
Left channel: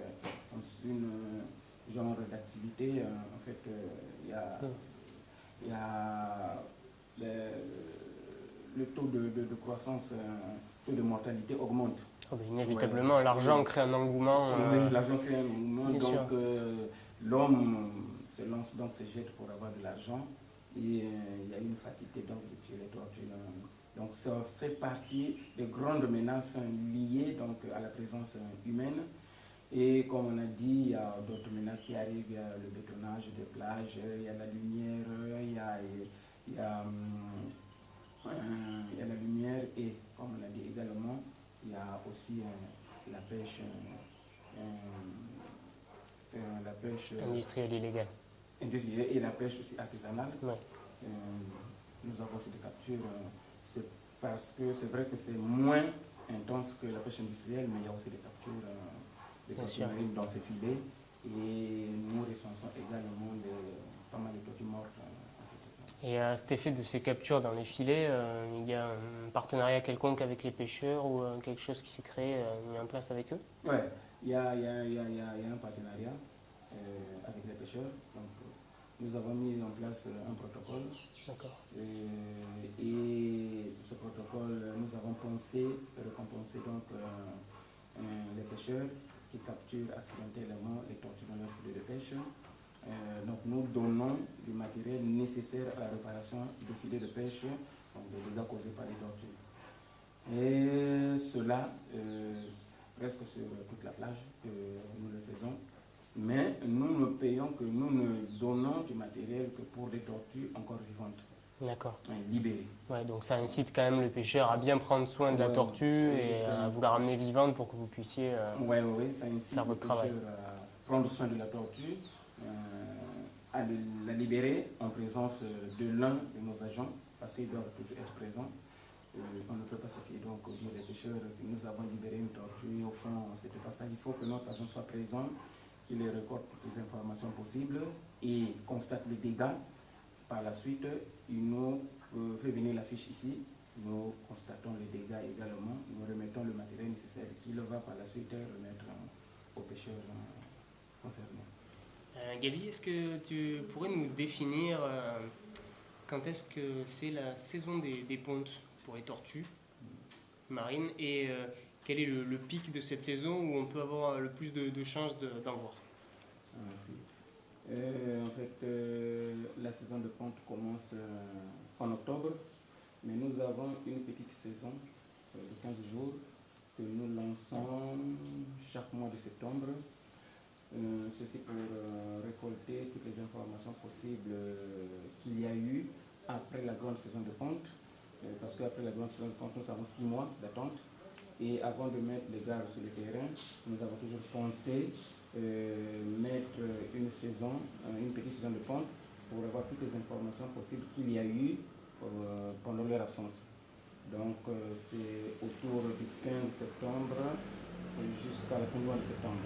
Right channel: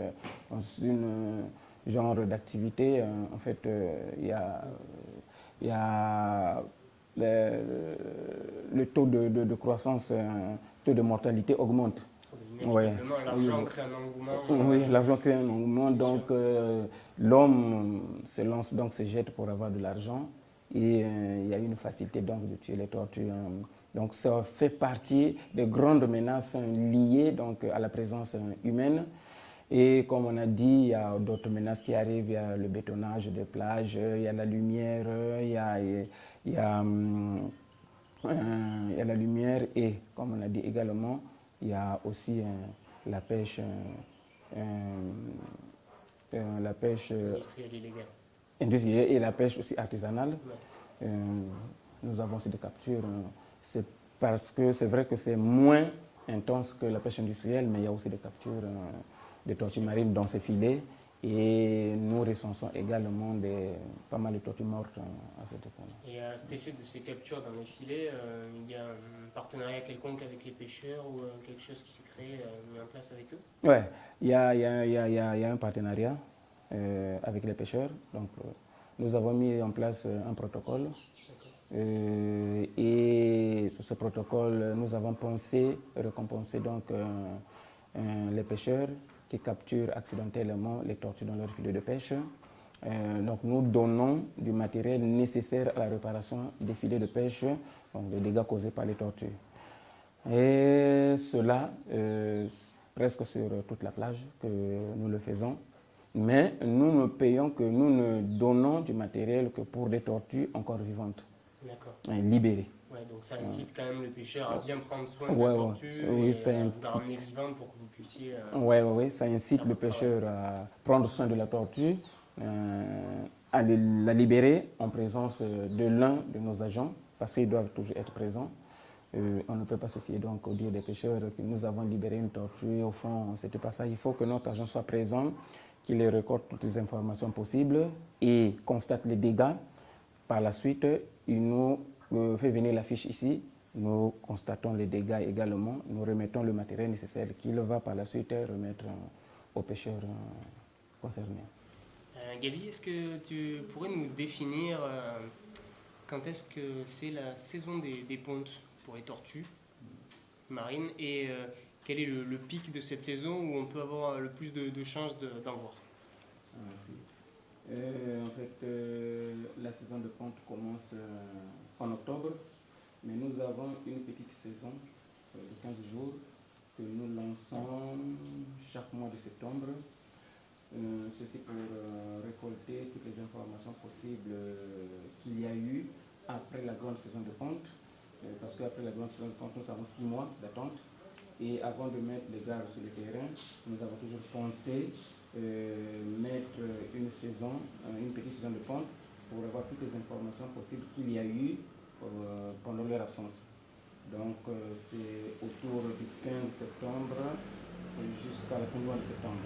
dans un genre d'activité, en fait, il y a le taux de croissance, le taux de mortalité augmente. Inévitablement, l'argent crée un engouement. Oui, l'argent crée un engouement, donc l'homme se jette pour avoir de l'argent et il y a une facilité donc de tuer les tortues. Donc ça fait partie des grandes menaces liées donc à la présence humaine. Et comme on a dit, il y a d'autres menaces qui arrivent, il y a le bétonnage des plages, il y a la lumière, il y a la lumière et, comme on a dit également, il y a aussi la pêche industrielle illégale. Industrielle et la pêche aussi artisanale. Ouais. Nous avons aussi des captures. C'est parce que c'est vrai que c'est moins intense que la pêche industrielle, mais il y a aussi des captures de tortues marines dans ces filets. Et nous recensons également pas mal de tortues mortes à cette époque. Et à cet effet de ces captures dans les filets, il y a un partenariat quelconque avec les pêcheurs ou quelque chose qui s'est créé, mis en place avec eux? Oui, il y a un partenariat avec les pêcheurs. Donc, nous avons mis en place un protocole. D'accord. Et sur ce protocole, nous avons pensé récompenser donc les pêcheurs qui capturent accidentellement les tortues dans leur filet de pêche. Donc nous donnons du matériel nécessaire à la réparation des filets de pêche, donc des dégâts causés par les tortues. Et cela presque sur toute la plage que nous le faisons. Mais nous ne payons que nous ne donnons du matériel que pour des tortues encore vivantes. D'accord. Libérées. Ouais, donc ça incite quand même le pêcheur à bien prendre soin de la tortue et à vous la ramener vivante pour que vous puissiez... Oui, ça incite le pêcheur à prendre soin de la tortue, à la libérer en présence de l'un de nos agents, parce qu'ils doivent toujours être présents. On ne peut pas se fier donc au dire des pêcheurs que nous avons libéré une tortue. Au fond, c'était pas ça. Il faut que notre agent soit présent, qu'il récolte toutes les informations possibles et constate les dégâts. Par la suite, il nous fait venir la fiche ici. Nous constatons les dégâts également. Nous remettons le matériel nécessaire qu'il va par la suite remettre aux pêcheurs concernés. Gabi, est-ce que tu pourrais nous définir quand est-ce que c'est la saison des pontes pour les tortues marines et quel est le pic de cette saison où on peut avoir le plus de chances d'en voir? Merci. En fait, la saison de ponte commence en octobre, mais nous avons une petite saison de 15 jours que nous lançons chaque mois de septembre. Ceci pour récolter toutes les informations possibles qu'il y a eu après la grande saison de ponte. Parce qu'après la grande saison de ponte, nous avons 6 mois d'attente. Et avant de mettre les gardes sur le terrain, nous avons toujours pensé mettre une petite saison de ponte pour avoir toutes les informations possibles qu'il y a eu pendant leur absence. Donc c'est autour du 15 septembre jusqu'à la fin du mois de septembre.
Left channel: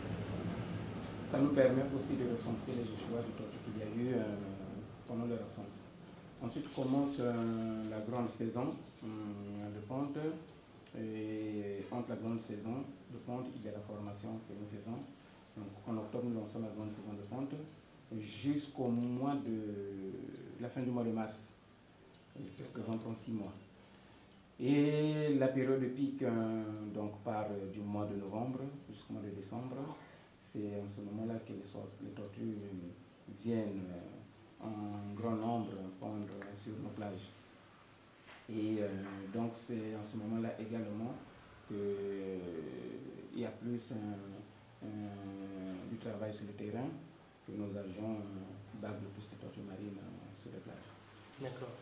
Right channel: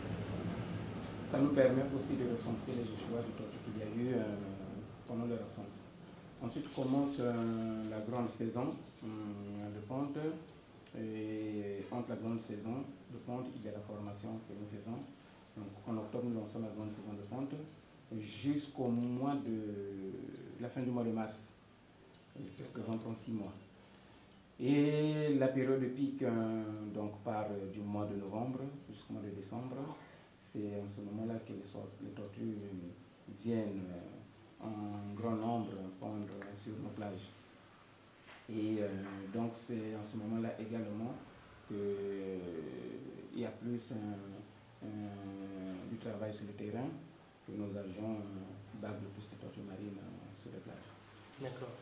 Ça nous permet aussi de recenser les échouages de tortues qu'il y a eu pendant leur absence. Ensuite commence la grande saison de ponte. Et entre la grande saison de ponte, il y a la formation que nous faisons. Donc, en octobre, nous lançons la grande saison de ponte jusqu'au mois de la fin du mois de mars. Et cette saison prend 6 mois. Et la période de pic donc, part du mois de novembre jusqu'au mois de décembre. C'est en ce moment-là que les tortues viennent en grand nombre pondre sur nos plages. Et donc c'est en ce moment-là également qu'il y a plus du travail sur le terrain, que nos agents baguent le plus de tortues marines sur les plages. D'accord.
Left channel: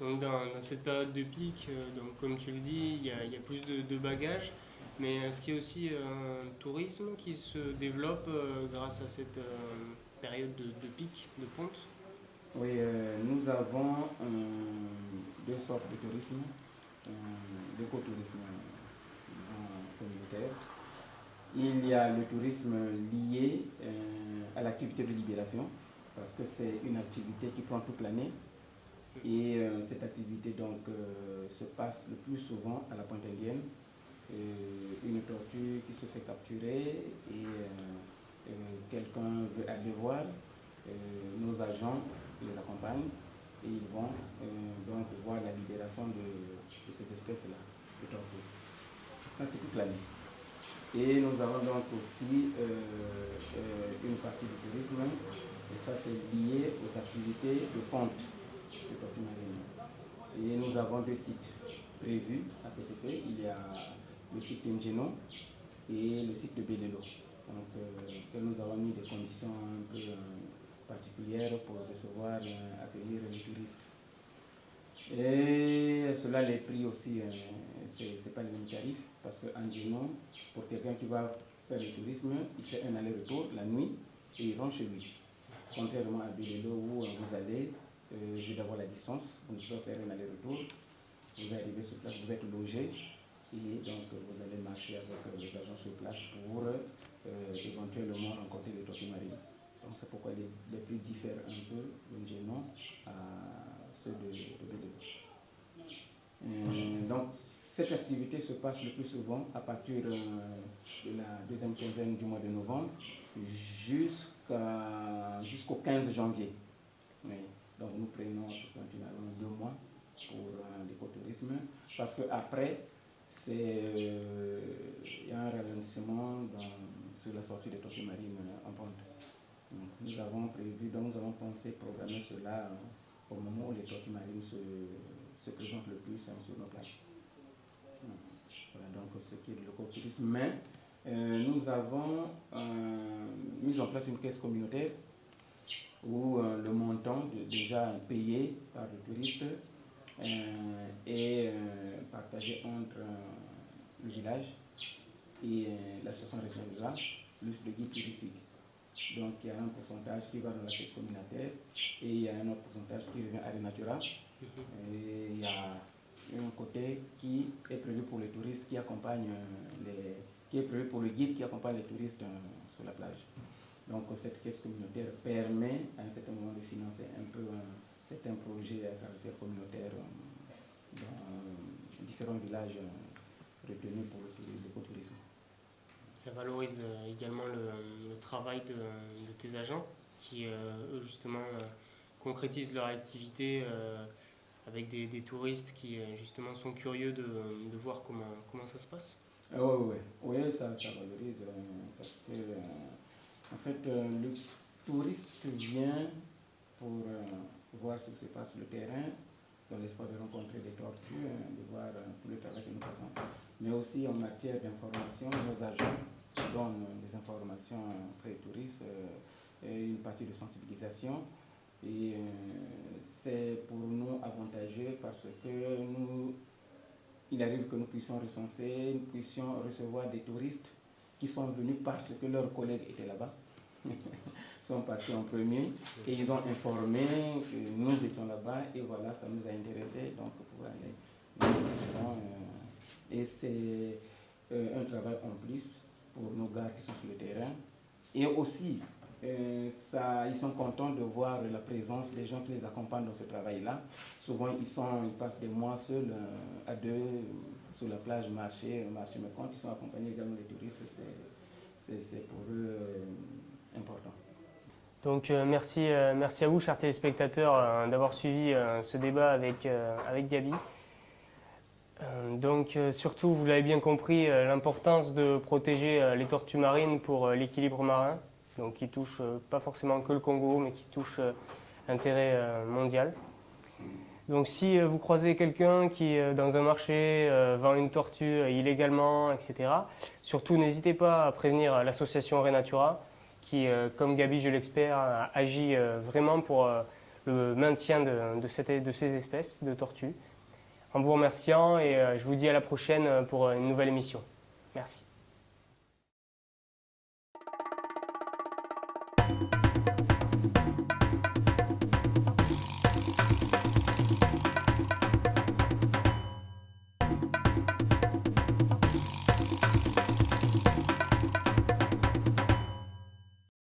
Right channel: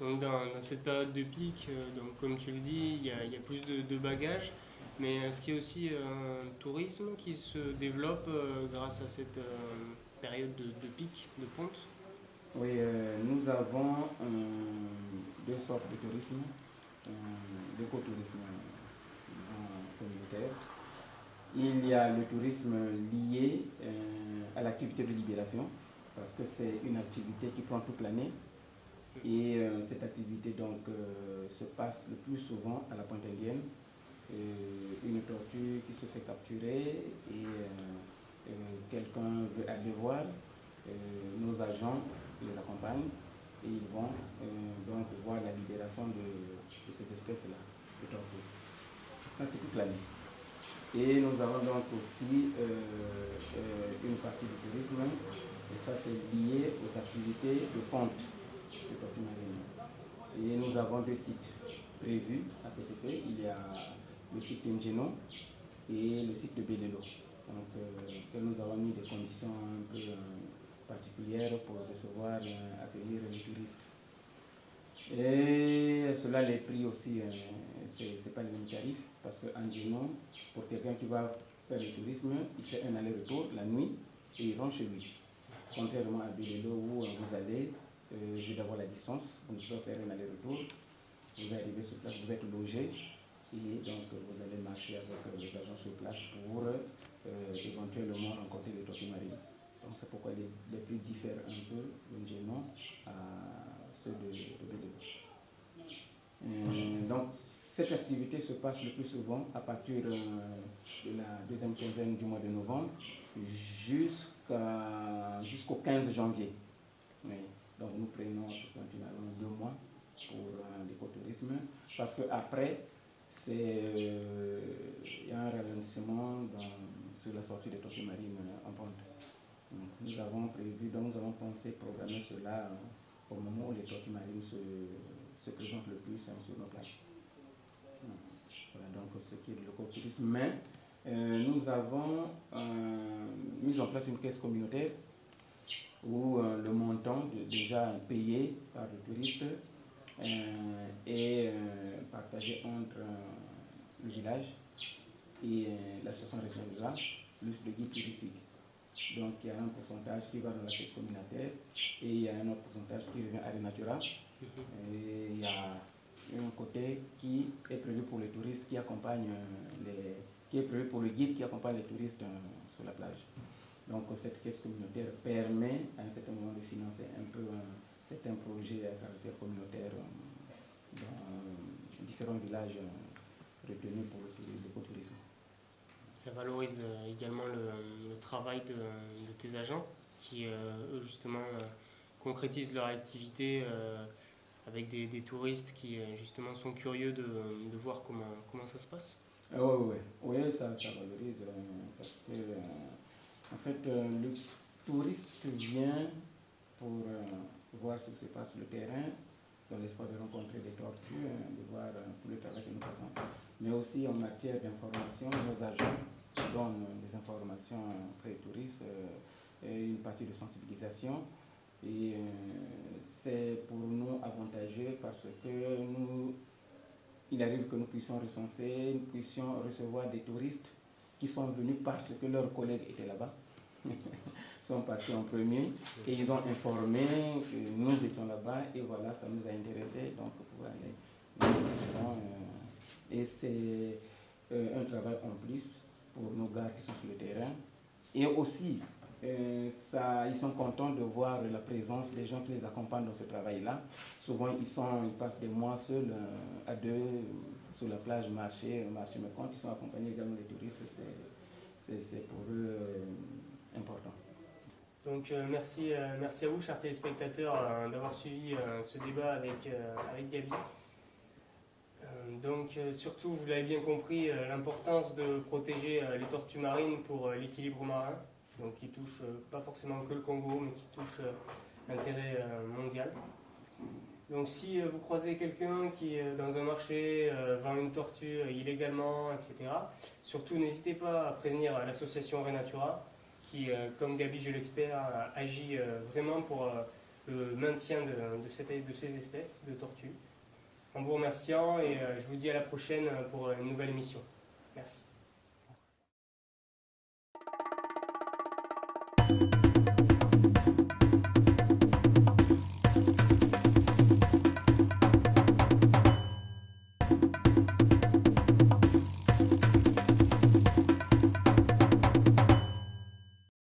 Donc dans cette période de pic, donc comme tu le dis, il y a plus de bagages, mais est-ce qu'il y a aussi un tourisme qui se développe grâce à cette période de pic, de ponte? Oui, nous avons deux sortes de tourisme, d'écotourisme communautaire. Il y a le tourisme lié à l'activité de libération, parce que c'est une activité qui prend toute l'année. Et cette activité donc, se passe le plus souvent à la Pointe Indienne. Une tortue qui se fait capturer et quelqu'un veut aller voir, nos agents les accompagnent et ils vont donc voir la libération de ces espèces-là, de tortues. Ça, c'est toute l'année. Et nous avons donc aussi une partie du tourisme, et ça, c'est lié aux activités de ponte de tortues marines. Et nous avons 2 sites prévus à cet effet. Il y a le site d'Ingeno et le site de Belelo. Donc, que nous avons mis des conditions un peu particulières pour recevoir, accueillir les touristes. Et cela, les prix aussi, c'est pas le même tarif, parce qu'en Ingeno, pour quelqu'un qui va faire le tourisme, il fait un aller-retour la nuit et il rentre chez lui. Contrairement à Belelo où vous allez, vu d'avoir la distance, vous ne pouvez faire un aller-retour, vous arrivez sur place, vous êtes logé, et donc vous allez marcher avec les agents sur place pour éventuellement rencontrer les tortues marines. Donc c'est pourquoi les prix diffèrent un peu d'Ingeno à ceux de Belelo. Donc cette activité se passe le plus souvent à partir de la deuxième quinzaine du mois de novembre jusqu'au 15 janvier. Oui. Donc nous prenons approximativement 2 mois pour l'écotourisme parce qu'après, il y a un ralentissement sur la sortie des tortues marines en pente. Nous avons prévu, donc nous avons pensé programmer cela au moment où les tortues marines se présentent le plus sur nos plages. Voilà donc ce qui est de l'écotourisme. Mais nous avons mis en place une caisse communautaire où le montant déjà payé par le touriste est partagé entre le village et l'association régionale de là, plus le guide touristique. Donc il y a un pourcentage qui va dans la caisse communautaire et il y a un autre pourcentage qui revient à Renatura. Et il y a un côté qui est prévu pour les touristes qui accompagnent qui est prévu pour le guide qui accompagne les touristes sur la plage. Donc cette caisse communautaire permet à un certain moment de financer un peu certains projets à caractère communautaire dans différents villages retenus pour l'écotourisme. Ça valorise également le travail de tes agents qui, eux, justement, concrétisent leur activité avec des touristes qui, justement, sont curieux de voir comment ça se passe. Oui, ça valorise parce que, en fait, le touriste vient pour voir ce qui se passe sur le terrain, dans l'espoir de rencontrer des tortues, de voir tout le travail que nous faisons. Mais aussi en matière d'information, nos agents donnent des informations très touristes, une partie de sensibilisation. Et c'est pour nous avantageux parce que il arrive que nous puissions recenser, nous puissions recevoir des touristes qui sont venus parce que leurs collègues étaient là-bas, sont passés en premier et ils ont informé que nous étions là-bas et voilà, ça nous a intéressés donc pour aller. Et c'est un travail en plus pour nos gars qui sont sur le terrain. Et aussi, ils sont contents de voir la présence des gens qui les accompagnent dans ce travail-là. Souvent, ils passent des mois seuls, à deux, sur la plage, marcher, mais quand ils sont accompagnés également des touristes, c'est pour eux important. Donc merci à vous, chers téléspectateurs, d'avoir suivi ce débat avec Gaby. Donc surtout, vous l'avez bien compris, l'importance de protéger les tortues marines pour l'équilibre marin, donc qui touche pas forcément que le Congo, mais qui touche l'intérêt mondial. Donc si vous croisez quelqu'un qui, dans un marché, vend une tortue illégalement, etc., surtout n'hésitez pas à prévenir l'association Renatura, qui, comme Gaby, je l'espère, agit vraiment pour le maintien de ces espèces de tortues. En vous remerciant et je vous dis à la prochaine pour une nouvelle émission. Merci.